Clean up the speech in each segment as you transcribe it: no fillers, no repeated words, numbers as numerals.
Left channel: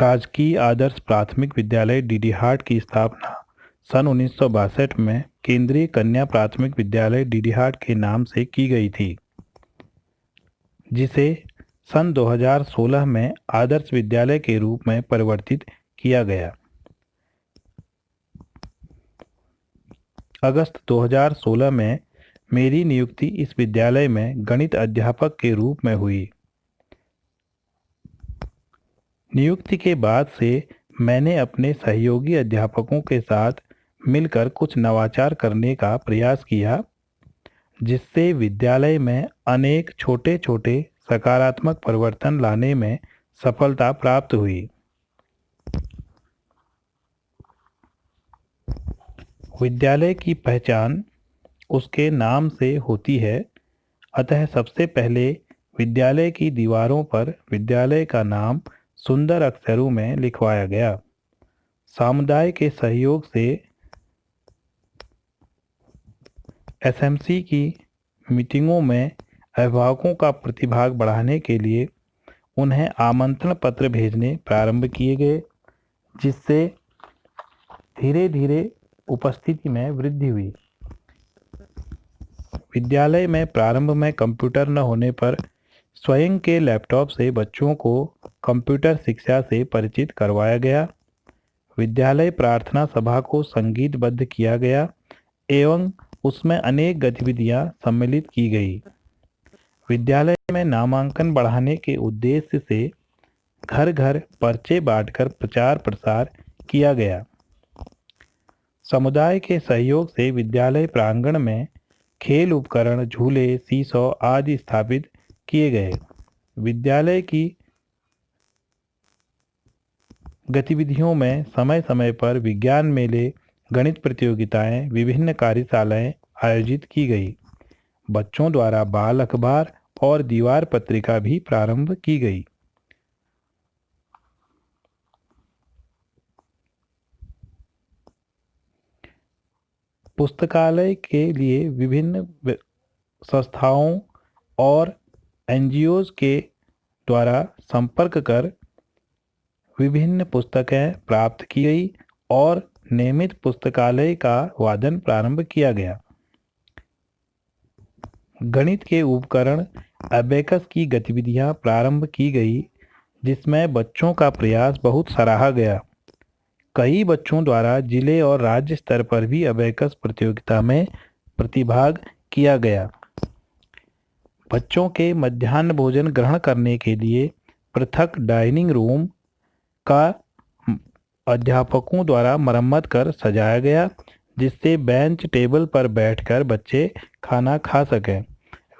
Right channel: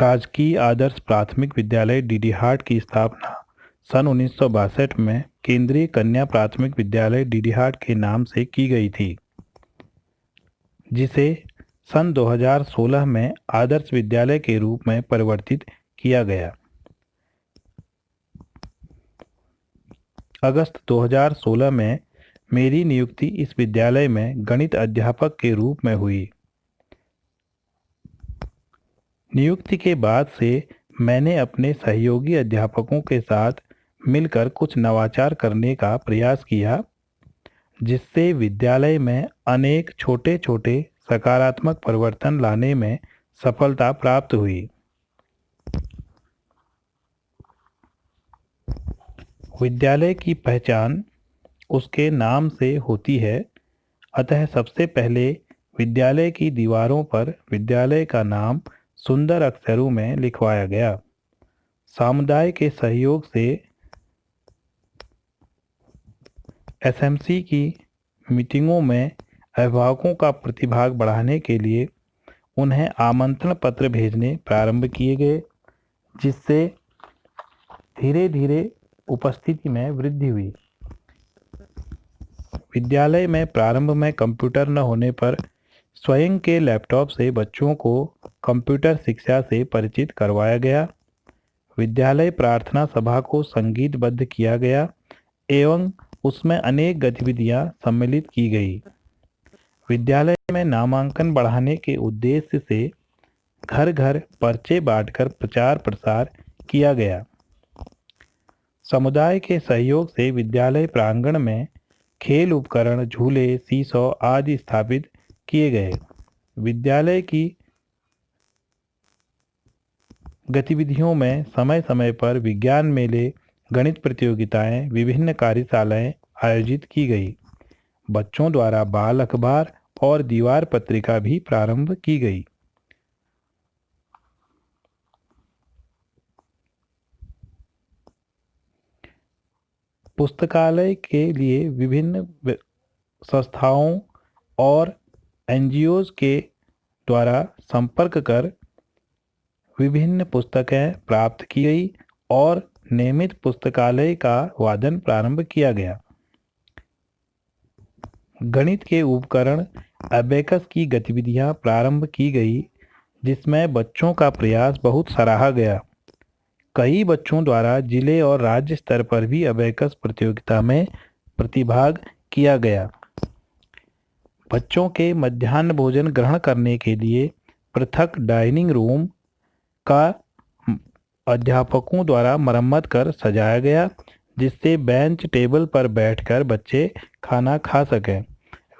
राजकीय आदर्श प्राथमिक विद्यालय डीडीहाट की स्थापना सन 1962 में केंद्रीय कन्या प्राथमिक विद्यालय डीडीहाट के नाम से की गई थी, जिसे सन 2016 में आदर्श विद्यालय के रूप में परिवर्तित किया गया। अगस्त 2016 में मेरी नियुक्ति इस विद्यालय में गणित अध्यापक के रूप में हुई। नियुक्ति के बाद से मैंने अपने सहयोगी अध्यापकों के साथ मिलकर कुछ नवाचार करने का प्रयास किया, जिससे विद्यालय में अनेक छोटे छोटे सकारात्मक परिवर्तन लाने में सफलता प्राप्त हुई। विद्यालय की पहचान उसके नाम से होती है, अतः सबसे पहले विद्यालय की दीवारों पर विद्यालय का नाम सुंदर अक्षरों में लिखवाया गया। समुदाय के सहयोग से एसएमसी की मीटिंगों में अभिभावकों का प्रतिभाग बढ़ाने के लिए उन्हें आमंत्रण पत्र भेजने प्रारंभ किए गए, जिससे धीरे धीरे उपस्थिति में वृद्धि हुई। विद्यालय में प्रारंभ में कंप्यूटर न होने पर स्वयं के लैपटॉप से बच्चों को कंप्यूटर शिक्षा से परिचित करवाया गया। विद्यालय प्रार्थना सभा को संगीतबद्ध किया गया एवं उसमें अनेक गतिविधियां सम्मिलित की गई। विद्यालय में नामांकन बढ़ाने के उद्देश्य से घर घर पर्चे बांटकर प्रचार प्रसार किया गया। समुदाय के सहयोग से विद्यालय प्रांगण में खेल उपकरण, झूले, सीसॉ आदि स्थापित किए गए। विद्यालय की गतिविधियों में समय समय पर विज्ञान मेले, गणित प्रतियोगिताएं, विभिन्न कार्यशालाएं आयोजित की गई। बच्चों द्वारा बाल अखबार और दीवार पत्रिका भी प्रारंभ की गई। पुस्तकालय के लिए विभिन्न संस्थाओं और एनजीओज के द्वारा संपर्क कर विभिन्न पुस्तकें प्राप्त की गई और नियमित पुस्तकालय का वादन प्रारंभ किया गया। गणित के उपकरण अबेकस की गतिविधियां प्रारंभ की गई, जिसमें बच्चों का प्रयास बहुत सराहा गया। कई बच्चों द्वारा जिले और राज्य स्तर पर भी अबेकस प्रतियोगिता में प्रतिभाग किया गया। बच्चों के मध्याह्न भोजन ग्रहण करने के लिए पृथक डाइनिंग रूम का अध्यापकों द्वारा मरम्मत कर सजाया गया, जिससे बेंच टेबल पर बैठकर बच्चे खाना खा सकें।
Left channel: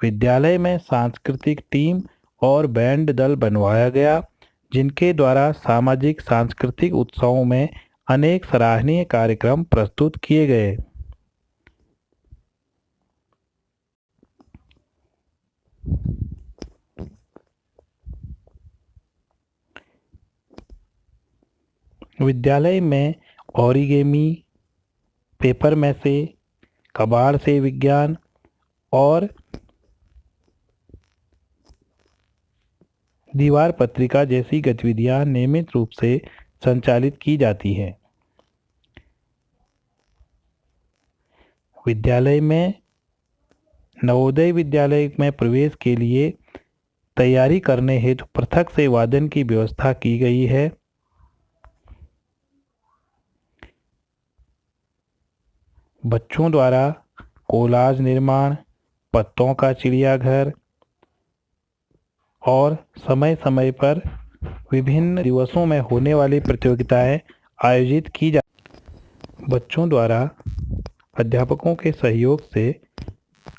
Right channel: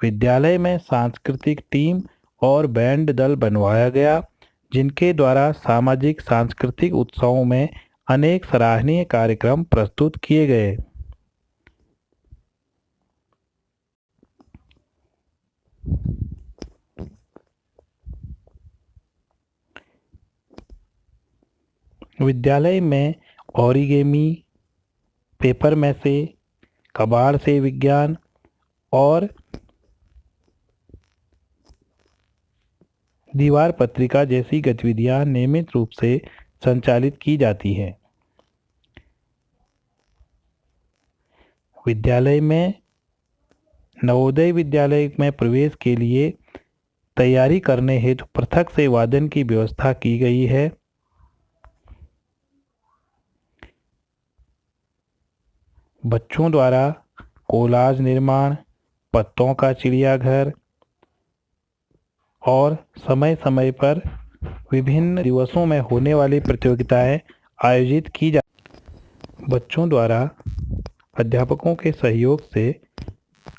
विद्यालय में सांस्कृतिक टीम और बैंड दल बनवाया गया, जिनके द्वारा सामाजिक सांस्कृतिक उत्सवों में अनेक सराहनीय कार्यक्रम प्रस्तुत किए गए। विद्यालय में ओरिगेमी, पेपर मैसे, कबाड़ से विज्ञान और दीवार पत्रिका जैसी गतिविधियां नियमित रूप से संचालित की जाती हैं। विद्यालय में नवोदय विद्यालय में प्रवेश के लिए तैयारी करने हेतु पृथक से वादन की व्यवस्था की गई है। बच्चों द्वारा कोलाज निर्माण, पत्तों का चिड़ियाघर और समय समय पर विभिन्न दिवसों में होने वाली प्रतियोगिताएं आयोजित की जा। बच्चों द्वारा अध्यापकों के सहयोग से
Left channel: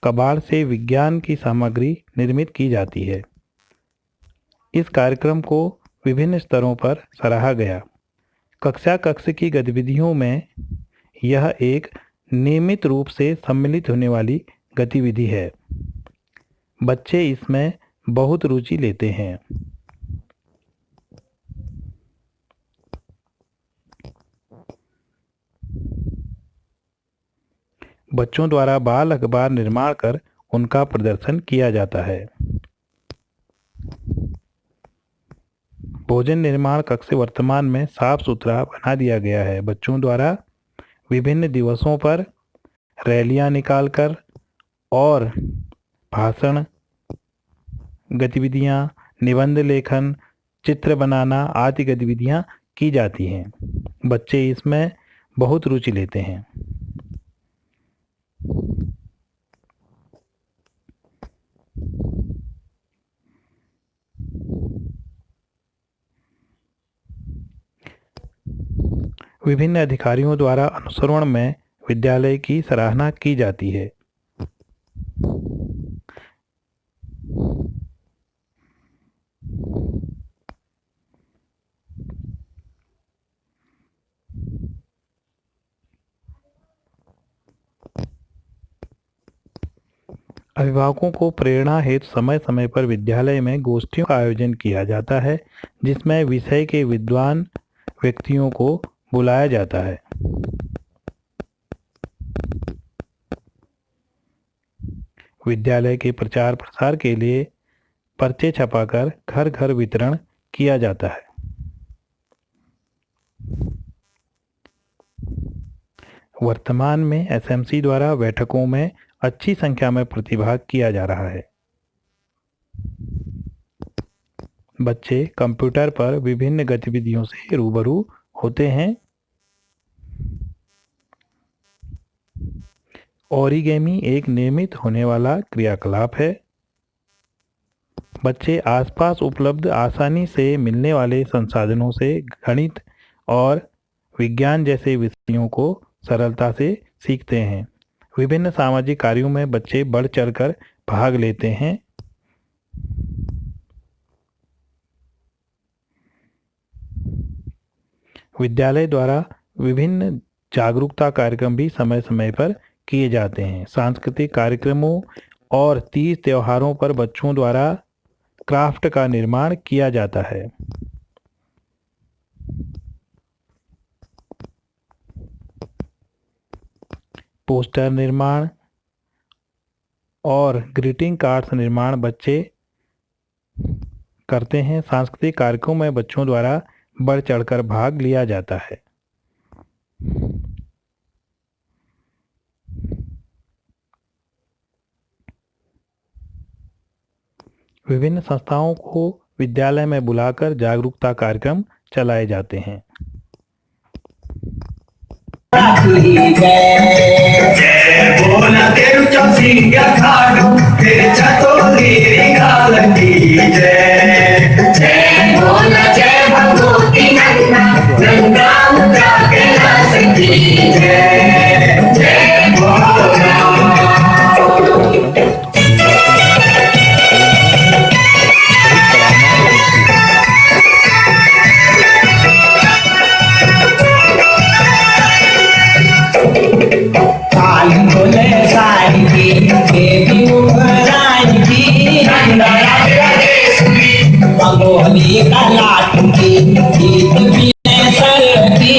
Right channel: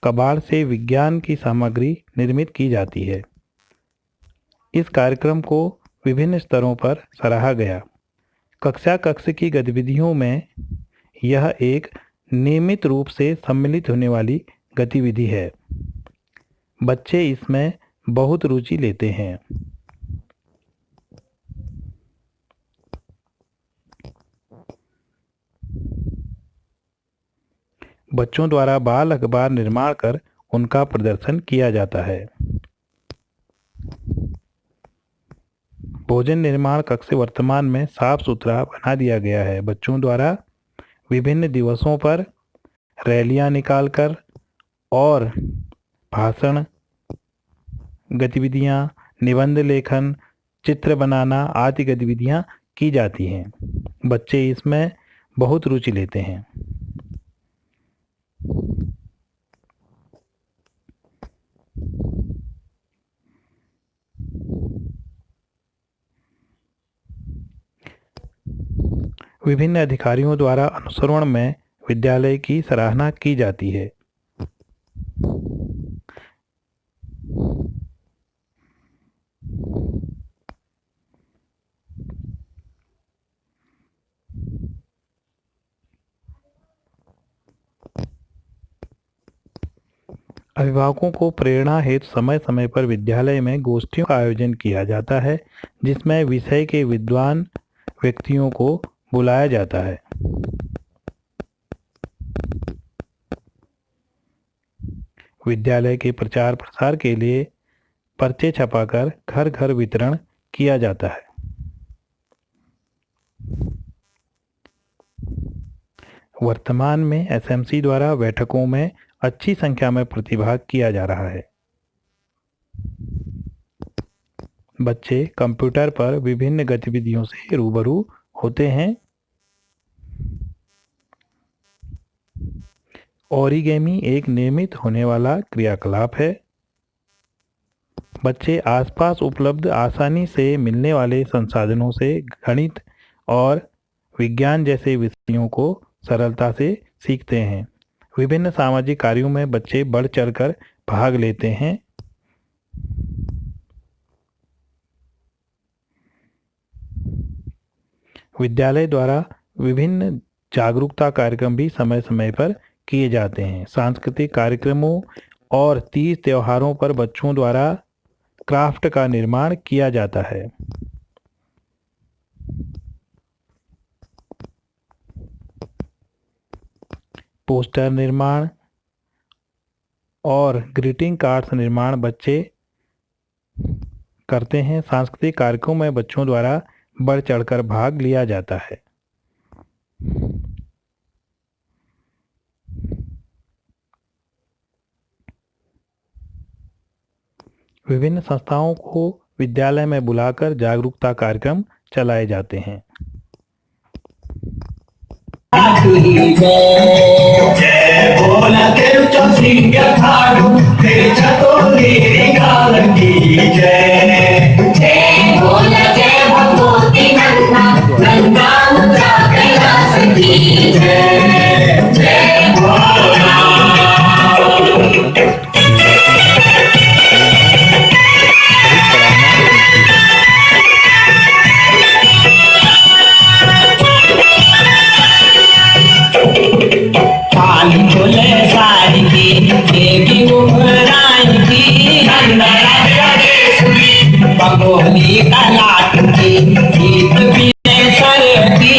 कबाड़ से विज्ञान की सामग्री निर्मित की जाती है। इस कार्यक्रम को विभिन्न स्तरों पर सराहा गया। कक्षा कक्ष की गतिविधियों में यह एक नियमित रूप से सम्मिलित होने वाली गतिविधि है। बच्चे इसमें बहुत रुचि लेते हैं। बच्चों द्वारा बाल अखबार निर्माण कर उनका प्रदर्शन किया जाता है। भोजन निर्माण कक्ष वर्तमान में साफ सुथरा बना दिया गया है। बच्चों द्वारा विभिन्न दिवसों पर रैलियां निकालकर और भाषण, गतिविधियां, निबंध लेखन, चित्र बनाना आदि गतिविधियां की जाती हैं। बच्चे इसमें बहुत रुचि लेते हैं। विभिन्न अधिकारियों द्वारा अनुसरण में विद्यालय की सराहना की जाती है। अभिभावकों को प्रेरणा हेतु समय समय पर विद्यालय में गोष्ठियों का आयोजन किया जाता है, जिसमें विषय के विद्वान व्यक्तियों को बुलाया जाता है। विद्यालय के प्रचार प्रसार के लिए पर्चे छपाकर घर घर वितरण किया जाता है। वर्तमान में एसएमसी द्वारा बैठकों में अच्छी संख्या में प्रतिभाग किया जा रहा है। बच्चे कंप्यूटर पर विभिन्न गतिविधियों से रूबरू होते हैं। ओरिगेमी एक नियमित होने वाला क्रियाकलाप है। बच्चे आसपास उपलब्ध आसानी से मिलने वाले संसाधनों से गणित और विज्ञान जैसे विषयों को सरलता से सीखते हैं। विभिन्न सामाजिक कार्यों में बच्चे बढ़ चढ़कर भाग लेते हैं। विद्यालय द्वारा विभिन्न जागरूकता कार्यक्रम भी समय समय पर किए जाते हैं। सांस्कृतिक कार्यक्रमों और तीज त्योहारों पर बच्चों द्वारा क्राफ्ट का निर्माण किया जाता है। पोस्टर निर्माण और ग्रीटिंग कार्ड्स निर्माण बच्चे करते हैं। सांस्कृतिक कार्यक्रमों में बच्चों द्वारा बढ़ चढ़कर भाग लिया जाता है। विभिन्न संस्थाओं को विद्यालय में बुलाकर जागरूकता कार्यक्रम चलाए जाते हैं। जय बोला तेरुचा सिंह खाड़ू तेरे चतुर्गिरी कालंदी जय जय बोला जय भगवती नंदा नंदा मुद्रा कैलाश की जय जय बोला सारी की देवी उमराई की बंगोली का लाट की गीत भी सर की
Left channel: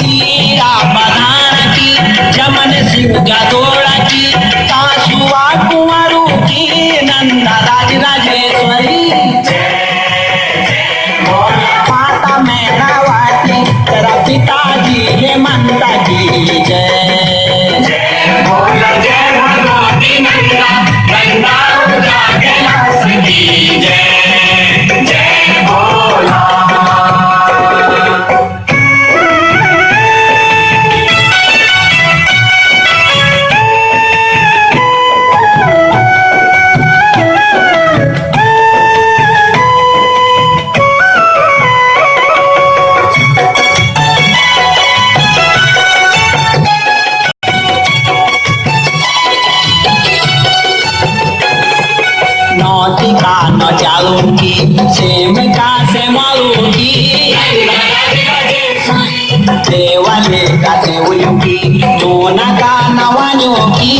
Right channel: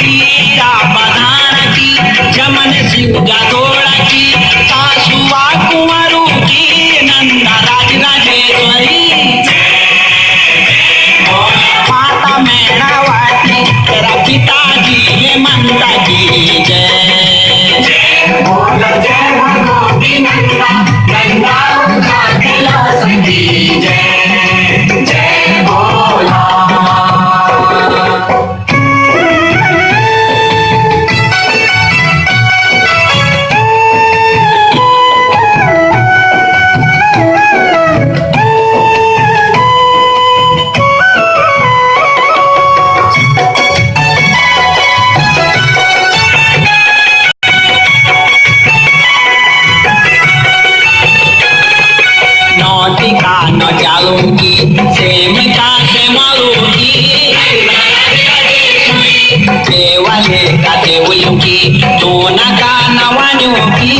कीरा बधान की चमन शिवजा तोड़ की कासुआ कुंवरू की नंदा राज राजेश्वरी माता मैनावती तेरा पिताजी ये मनता की जय जय बोला जय भगवती नंदा नंदा मुद्रा कैलाश की जय जय बोला नौटिका न जालूंगी सेम का से मालूंगी देवाले का देवलूंगी दोना का नवान्योंगी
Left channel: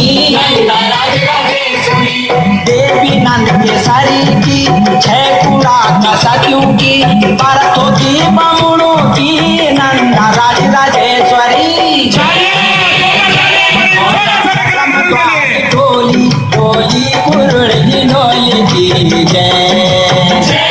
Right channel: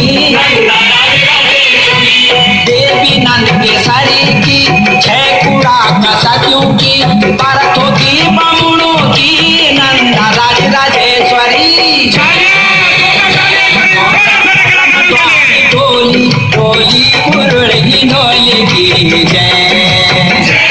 देवी नंद के शरीर की छह कुरा का सतियों की भरतों की बामुणों की नंदा राज राजेश्वरी टोली टोली कुरुड़ी ढोली की जय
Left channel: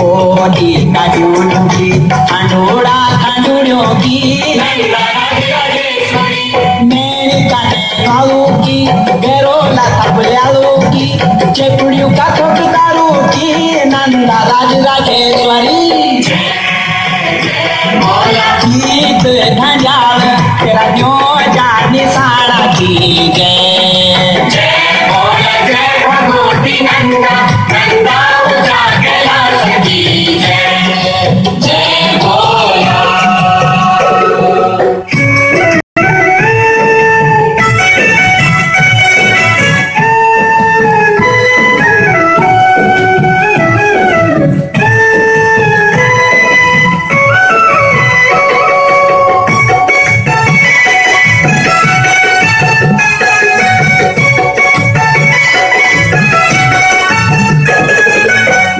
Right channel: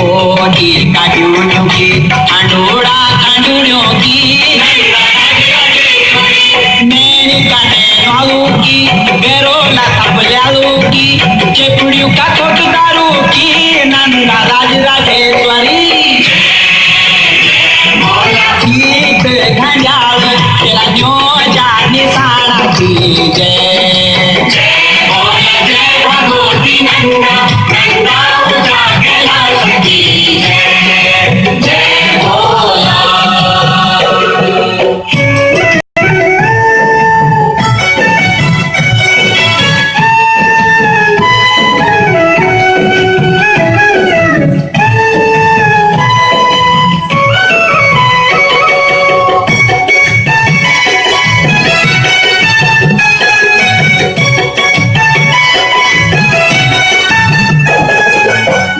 कोटी काटूनों की खंडोड़ा खंडोड़ों की मेरी काने नालू की बेरोला थपल्यालू की चेपुड़ियों का कोटदारू की नंदा राज राजेश्वरी गीत घंजाल तेरा जो जानी साड़ा की जय जय भगवती नंदा नंदा जाके लाल की जय जय भोला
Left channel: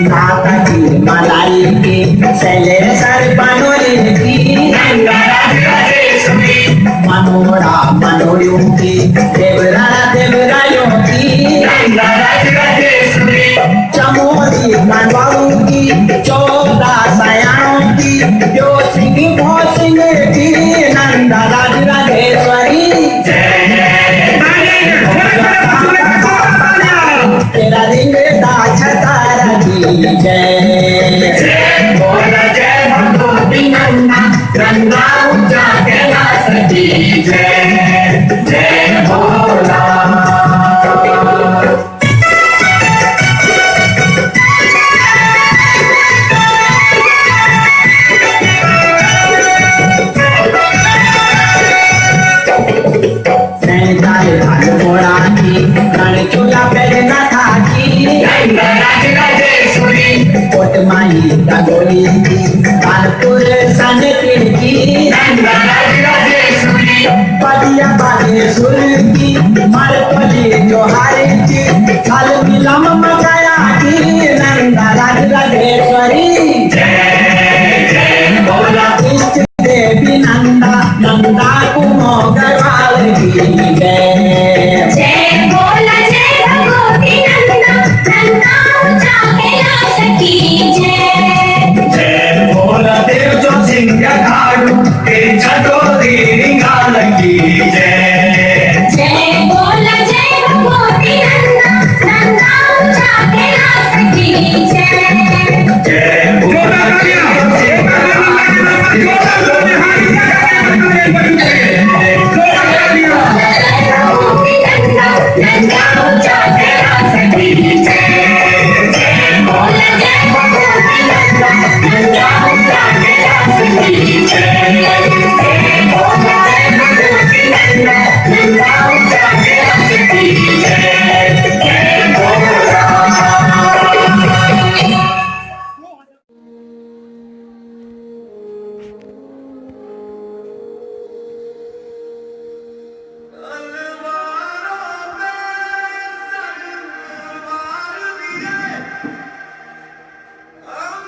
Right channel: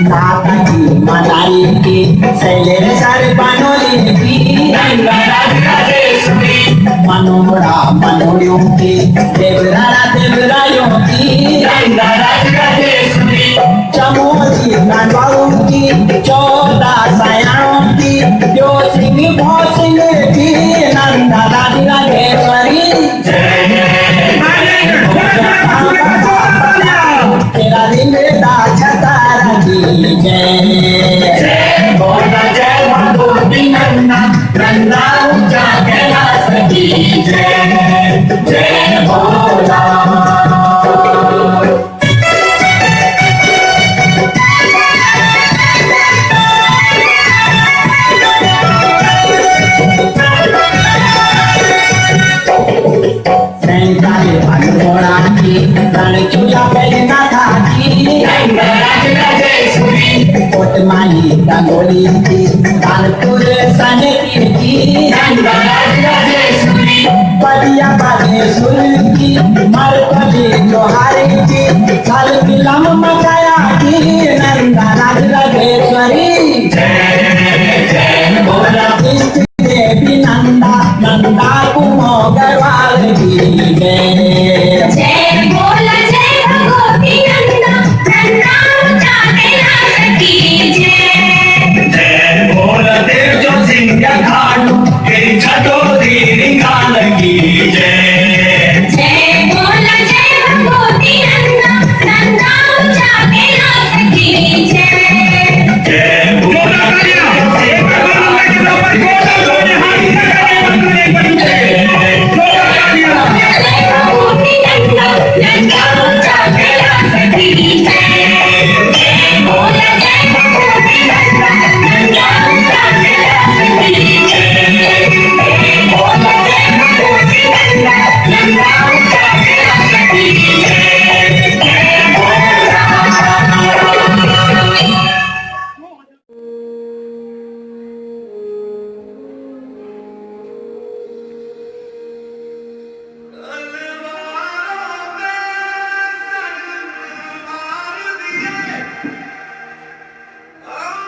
नाता की मदारी की सैले सर बनोली की मनोड़ा मनोड़ियों की देवरारा देवरायों की चमोली कानवालों की 14 सयानों की जो सिंह भो सिंह की नंदा राज राजेश्वरी तेरा दिल दा छतारा की जय बोला जय भगवती नंदा नंदा ऊंचा कैलाश की जय जय भोला सैताले भाग घोड़ा की रण चूल्हा पहनना था की कोट माही डागोली की कानपुर सने की पदिया बागेश्वर की मरपली जोहारी की साल मिलम मचाया की नंदा राज राजेश्वरी जय बोला इष्ट देवी नंदा नंदा कुमो गढ़वाल की जय जय बोला जय भगवती नंदा नंदा ऊंचा कैलाश की जय जय बोला देव जो सिंह खाड़ू तेरी छटोरी निकाल की जय जय बोला जय भगवती नंदा नंदा ऊंचा कैलाश की जय जय बोला देव जो सिंह भगवती नंदा नंदा ऊंचा कैलाश की जय बोला जय भगवती नंदा नंदा ऊंचा कैलाश की जय बोला जय भगवती नंदा नंदा ऊंचा कैलाश की जय जय बोला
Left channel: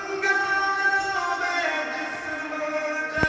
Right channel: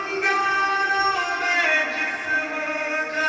अंगारों में जिस्म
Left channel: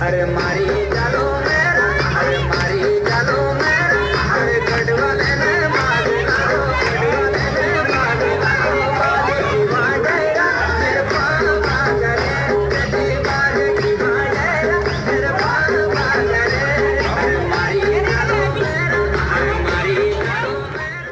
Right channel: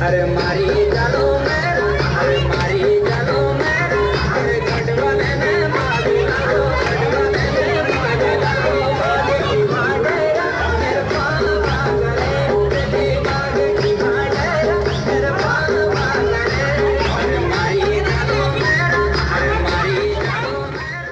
अरे मारी जानो मेरा, अरे मारी जानो मेरा, अरे गढ़वाले ने मारी जानो, गढ़वाले ने मारी जानो, बाजे की बाजेरा, मेरे पाल बागरे, तेरी बाजे की बाजेरा, मेरे पाल बागरे, अरे मारी जानो मेरा, अरे मारी जानो मेरा।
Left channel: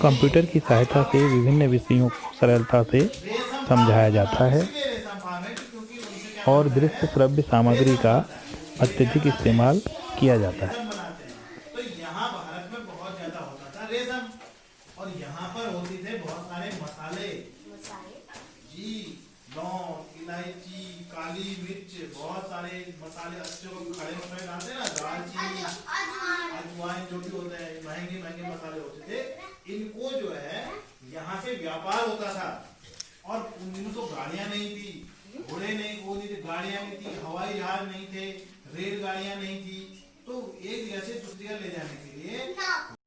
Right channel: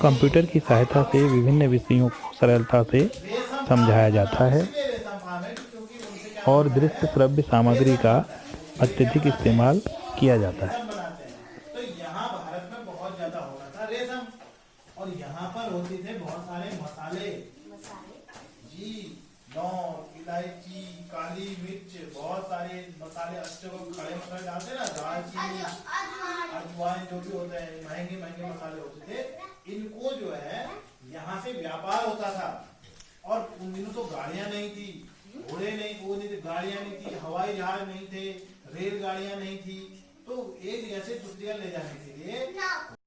कंप्यूटर की सहायता से विभिन्न विषयों को सरलता से समझाया जाता है और दृश्य श्रव्य सामग्री का अत्यधिक इस्तेमाल किया जाता है। तो यहाँ भारत में बहुत ज्यादा होता था रेशम, और यहाँ पर होते थे बहुत सारे मसाले जी, लौंग, इलायची, काली मिर्च, बहुत सारे मसाले अच्छे खड़े मसाले डालते हैं ना, दालचीनी, अजवाइन, जो भी होते हैं महंगे महंगे मसाले होते थे। इनको जो है यहाँ से व्यापार होता था, और उन दिनों तो गाड़ियां नहीं थी, घोड़े नहीं, वो नहीं थे, गाड़ियां नहीं थी, हवाई जहाज नहीं थे, रेलगाड़ियां नहीं थी, तो एक जगह से दूसरी जगह ले जाने के लिए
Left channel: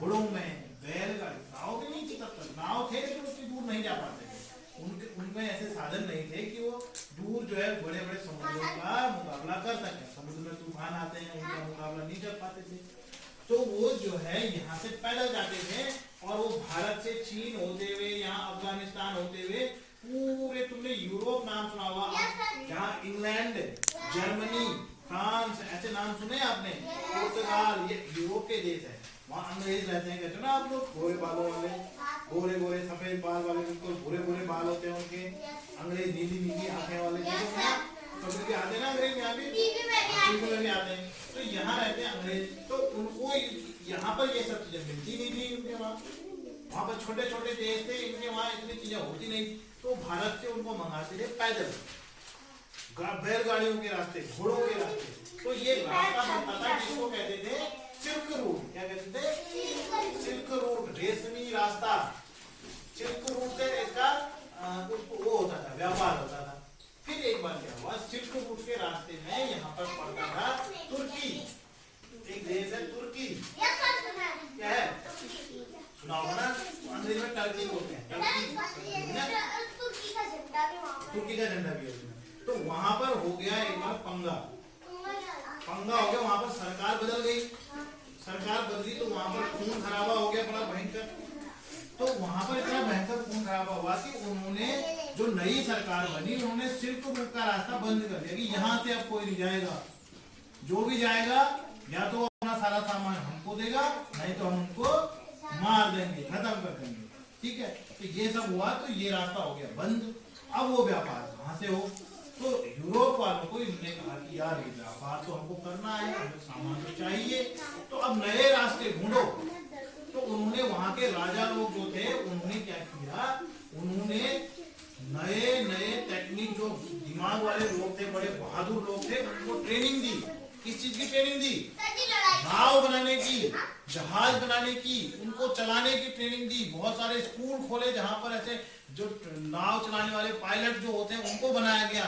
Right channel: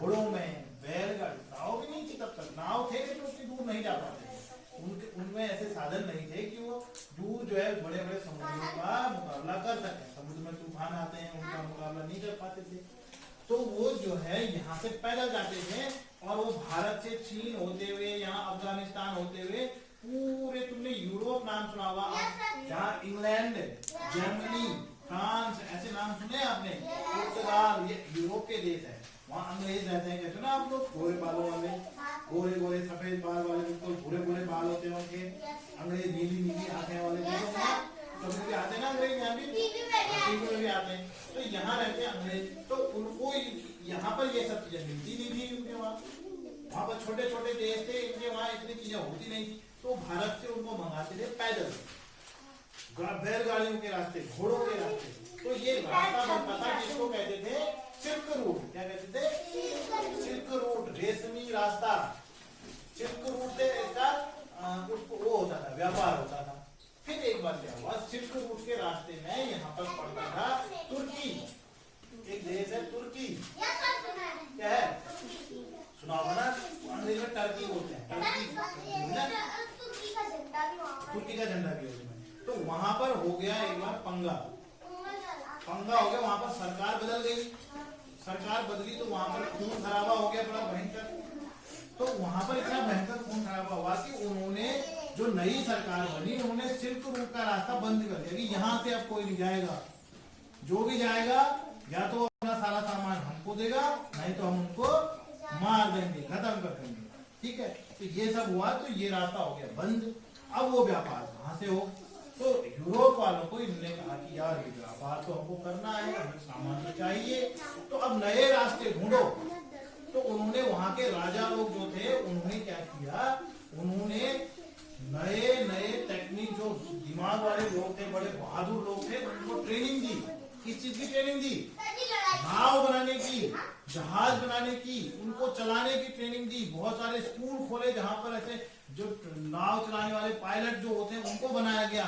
घोड़ों में, बैलगाड़ी, नाव भी नहीं थी तब तक, नाव थे लेकिन उतनी दूर नहीं जा पाते थे, उनमें ऐसे साधन नहीं थे कि वो दूर जो है बड़े बड़े समुद्रों का मुकाबला कर सके। समुद्र में तूफान आते हैं, उनका मुकाबला नहीं कर पाते थे, तो वो जो है यहाँ से पैदल जाते थे, और वो भारत से चीन होते हुए, यहाँ अफगानिस्तान होते हुए पूरे, तुमने यूरोप नाम सुना होगा, जहाँ इंग्लैंड, जर्मनी, फ्रांस, ऐसे नाम सुने आपने, पुर्तगाल, ये यूरोप के देश है, वहाँ अंग्रेज रहते हैं, कहते हो ना आप लोग, गोरे बालों वाले, गोरे गोरे सफेद बाल वाले, बिल्कुल भूरे भूरे बाल होते हैं उनके, अंग्रेज नीली नीली आंखें वाले, कभी भी आते हैं ना अंग्रेज, यहाँ भी टीवी में भी आते हैं, तो यहाँ रहते हैं अंग्रेज, तो उनको यहाँ पर ये सब चीजें मिलती नहीं थी उनके वहाँ पर छोटे छोटे देश थे, इनके वहाँ इतनी चीजें होती नहीं, तो भारत से उनको मंगाते थे पैदल, बैलगाड़ियों के रास्ते, घोड़ों के रास्ते, तो ये रास्ता बनता था जिसको कहते थे सिल्क रूट। क्या कहते थे? सिल्क रूट, रेशमी रास्ता। सिल्क रूट से इसका वो होता था, व्यापार होता था। फिर एक बार क्या हुआ, सिल्क रूट के रास्ते में यहाँ पर पड़ता था तुर्की, एक देश है तुर्की, क्या है सुना होगा ना, अंग्रेजी में टर्की बोलते हैं, तुर्की का झंडा भी है। तो वहां पर हो गया एक बार पंगा हो गया, वहां पर सरकार बदल गई, सरकार बदली तो वहां पर खून खराबा हो गया बड़ा भयंकर। तो वहां पर इतना भयंकर खून खराबा हुआ कि उन्होंने, जो नई सरकार बनी, उन्होंने सिल्क रूट का रास्ता बंद कर दिया कि यहाँ से अब कोई नहीं जाएगा, जो भी जाएगा या तो अपना सारा सामान हमको देगा, नहीं तो हम उनको मार देंगे, खत्म कर देंगे। ठीक है, तो ये सब हुआ, तो ये रास्ता हो गया बंद। अब वो व्यापार कहाँ से हो? तो यूरोप वालों को इन्होंने कहा कि यार ये व्यापार तो हमको करना है, हमें सामान तो चाहिए, तो अब नए रास्ते ढूंढो। तो उन्होंने वहां के राजा लोग जो थे, उन्होंने क्या किया, उन्होंने नए नए टेक्निक, जो दिमाग वाले लोग थे, बड़े बहादुर लोग थे, उनको ट्रेनिंग दी। किस चीज की ट्रेनिंग दी? नाव बनाने की, जहाज बनाने की, उनको चलाने की ट्रेनिंग दी। बहुत सारे स्कूल खोले जहां पर ऐसे जो नाव चलाने वाले पायलट जो होते हैं उनको बनाया गया,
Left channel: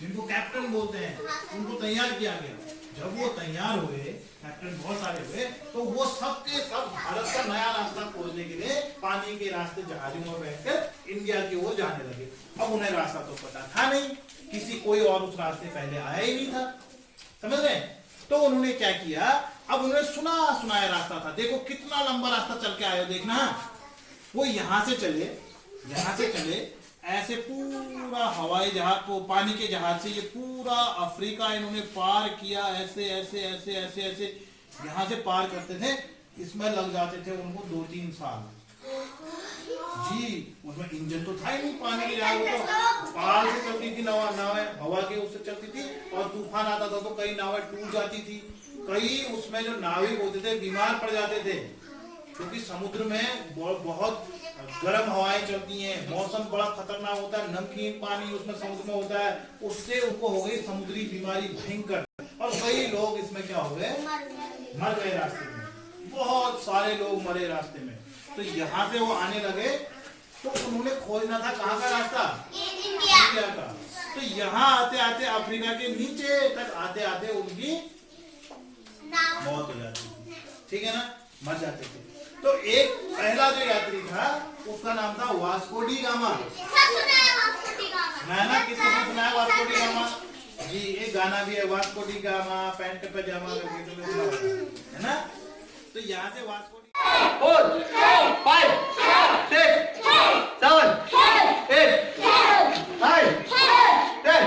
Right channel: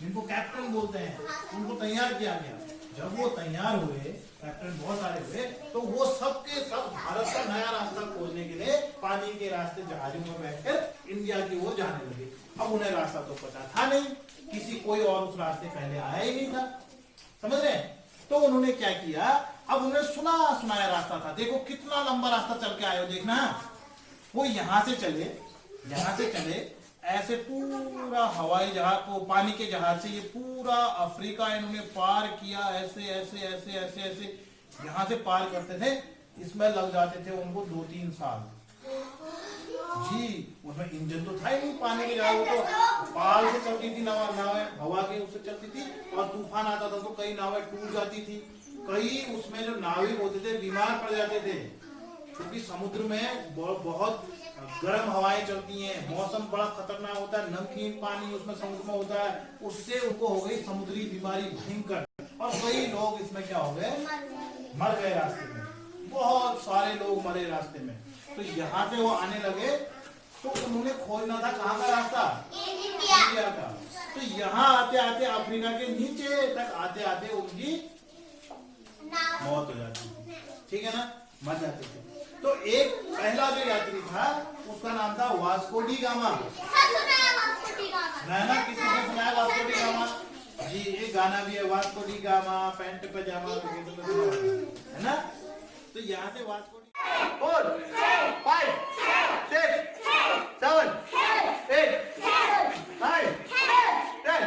जिनको कैप्टन बोलते हैं, उनको तैयार किया गया। जब वो तैयार हुए, कैप्टन बहुत सारे हुए, तो वो सब के सब भारत का नया रास्ता खोजने के लिए पानी के रास्ते जहाजों में बैठकर इंडिया की ओर जाने लगे। अब उन्हें रास्ता तो पता था नहीं, किसी कोई और उस रास्ते पहले आया ही नहीं था, समझ रहे? तो उन्होंने क्या किया, अब उन्होंने सुनाया रास्ता था। देखो कितना लंबा रास्ता चल के आए हो, देखना। वो यहां से चले ऐसे पूरा हवाई जहाज को, पानी के जहाज से ये पूरा अफ्रीका इन्होंने पार किया, ऐसे ऐसे ऐसे ऐसे ऐसे यहां से पार करते थे। इसमें लग जाते थे उनको 2-3 साल जी। उसमें इंजन तो था ही नहीं, पानी के जहाज तो पाल से चलती थी, नावें हवा के उससे चलती थी, और तूफान आता था तो कई नावें टूट जाती थी, कई उसमें जो नाविक होते थे बीमार पड़ जाते थे, क्योंकि समुद्र में बहुत गर्म हवाएं चलती हैं, मौसम बड़ा खतरनाक होता है, नमकीन पानी उसमें समुद्र में होता है, उससे उनको हो गई समुद्री बीमारी भयंकर, और कई लोग इसमें क्या हो गए, मर गए रास्ते में, बहुत सारे लोग मरे रास्ते में। तो यहाँ से वो आने लगे, तो उन्होंने खोजना था कहाँ का रास्ता, इंडिया का। तो यहाँ आते आते अफ्रीका के नीचे तक आते आते उनकी मौत हो जाती थी, ठीक है ना, मर जाते थे। तो एक पहला जो यात्री था उसका नाम था वास्को डी गामा। मैं ना किसी ने सुनाया वास्को डी गामा जी, एक गाना भी है, वास्को डी गामा पैंट पजामा करके, तुमने सुना है ना? तो यहाँ से वास्को 4 5 6 7 8 9 10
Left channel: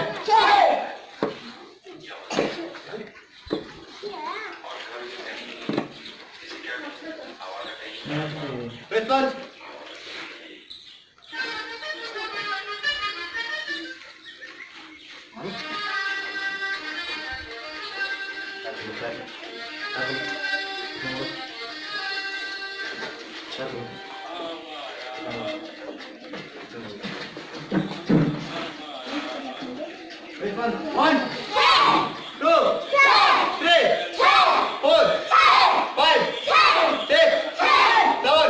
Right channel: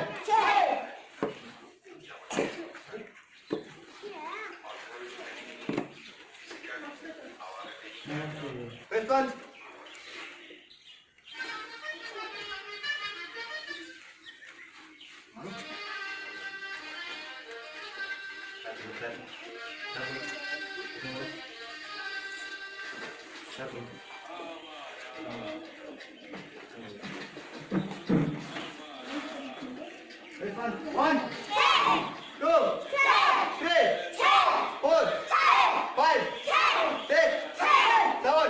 Response. Response. 1 2 3 4 5 6 7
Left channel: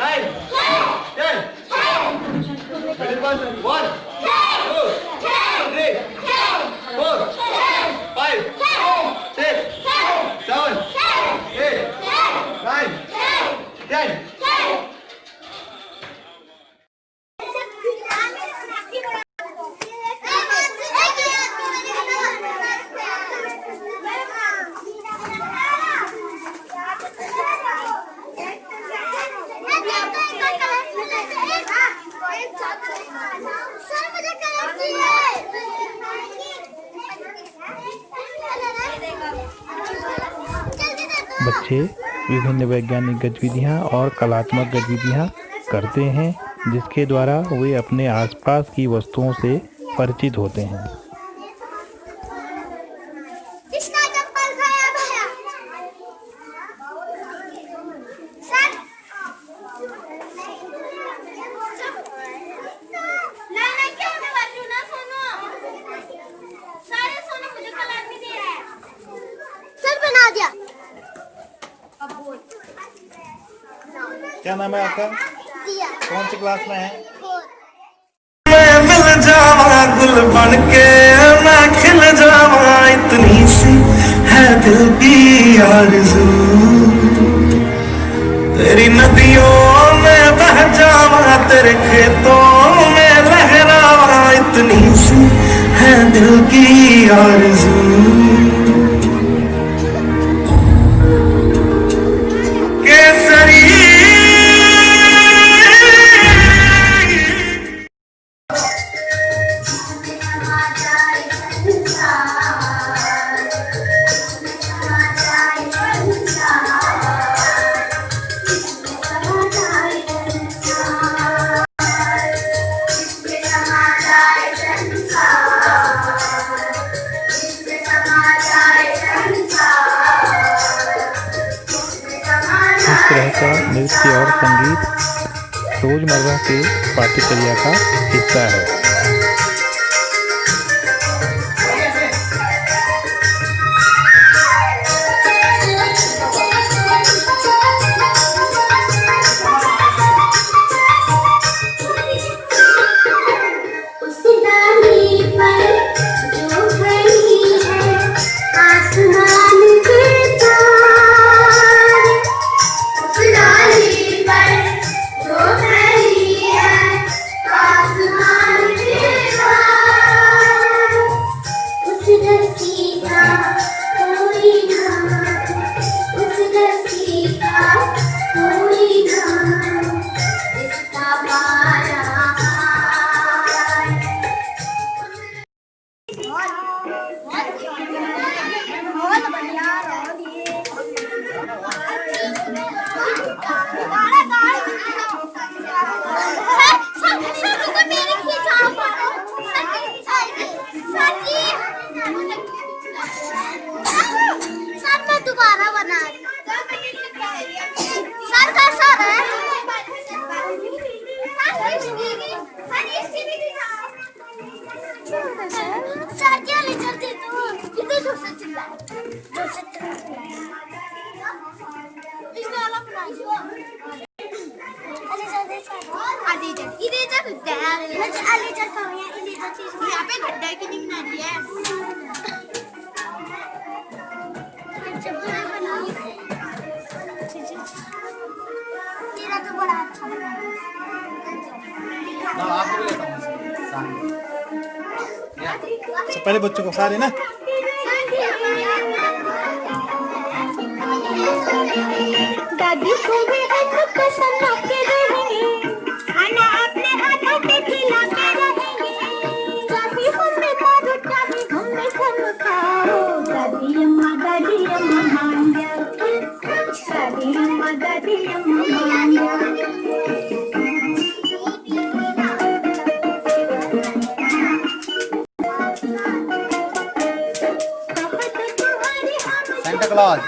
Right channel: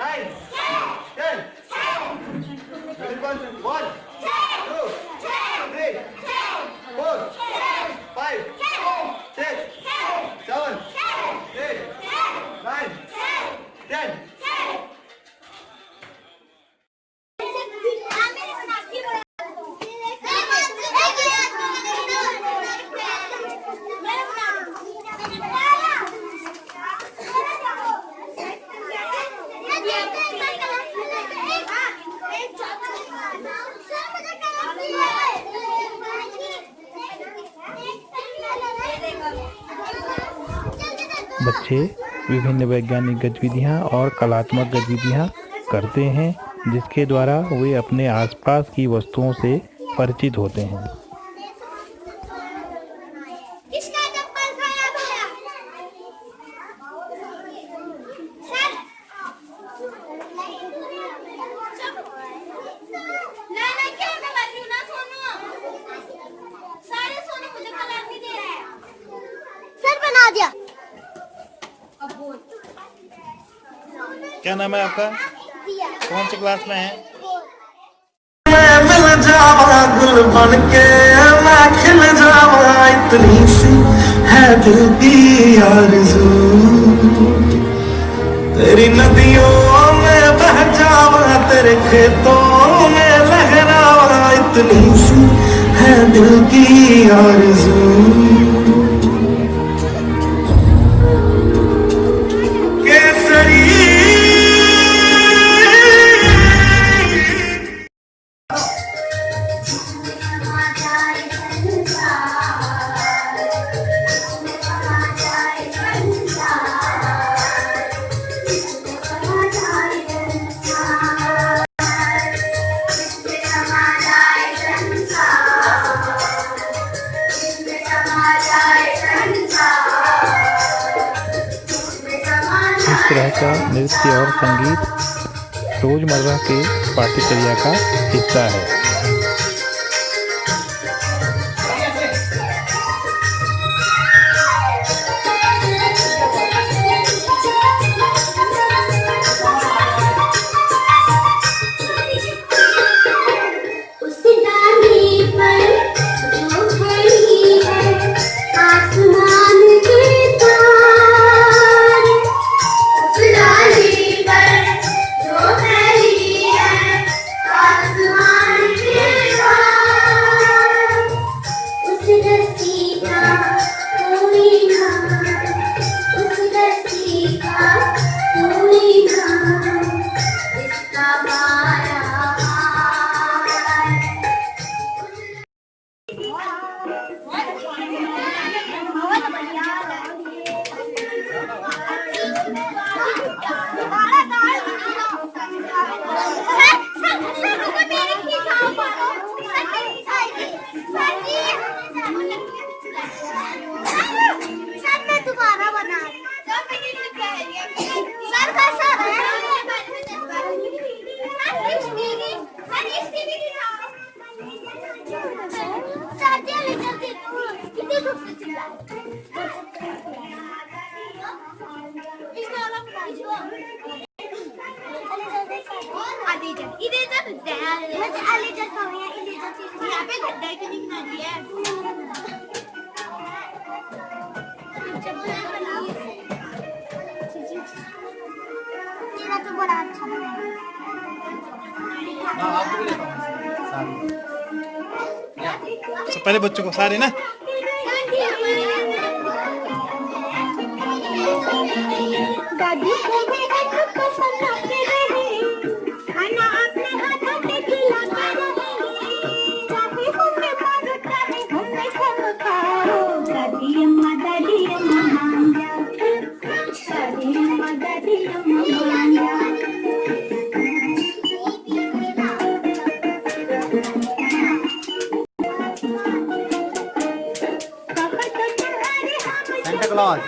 8 9 10 Response. 1 2 3 4 5 6 7 8 9 10 बच्चे विभिन्न वैज्ञानिक गतिविधियाँ और कलात्मक गतिविधियाँ करते हैं, जिसके द्वारा वे अपने आसपास की वस्तुओं से परिचित होते हैं। किसका चप्पल गायब है? सर नहीं क्यों मैं बात क्यों ना सुनो, सारे सुनो, मुझे कलर भी दे रहा है। सर बना दिया। अब बोल, क्या नाम है आपका? दिया। कौन सी क्लास में है? मैं मिल जावा गुल बन के, मैं खिल जावा, इतनी सी है दिल की आरज़ू, तेरी नदियों में बह जावा, तेरे खेतों में लहरावा, इतनी सी है दिल की आरज़ू। तरह का नृत्य और संगीत रोजमर्रा के पाठ्यचर्या का हिस्सा है। उस डाली पर जो खड़ी है आसमान के तार, उस डाली पर जो खड़ी है आसमान के तार, उस रस्सी का कोई नाम, उस रस्सी का कोई नाम, इसका बारा दोबारा बना सर का सर है सर जल्दी जल्दी तू कितनी दूर से चिल्ला इस वाला बना दो आधी जगह इधर जगह दे मुझे आली जगह कहाँ है इधर जगह यहाँ पे गड्ढा क्यों नहीं बना दिया है तेरा तो बड़ा अच्छा बना है तो पहले बच्चों को सारे ना दादी को भी एक कसम आते रहेंगे, खाना अपने हाथों से खिलाते रहेंगे, चाहे हमें मारो चाहे हमें खाओ, दादी अम्मा मान जाओ, दादी अम्मा मान जाओ। सेंटा क्लॉज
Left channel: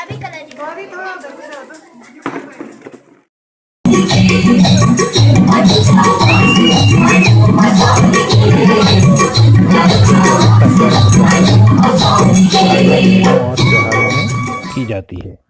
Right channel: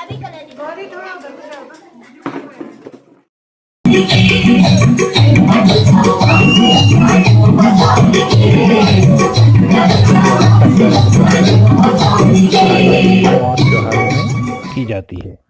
अभी कलर और त्योहारों में की जाती है।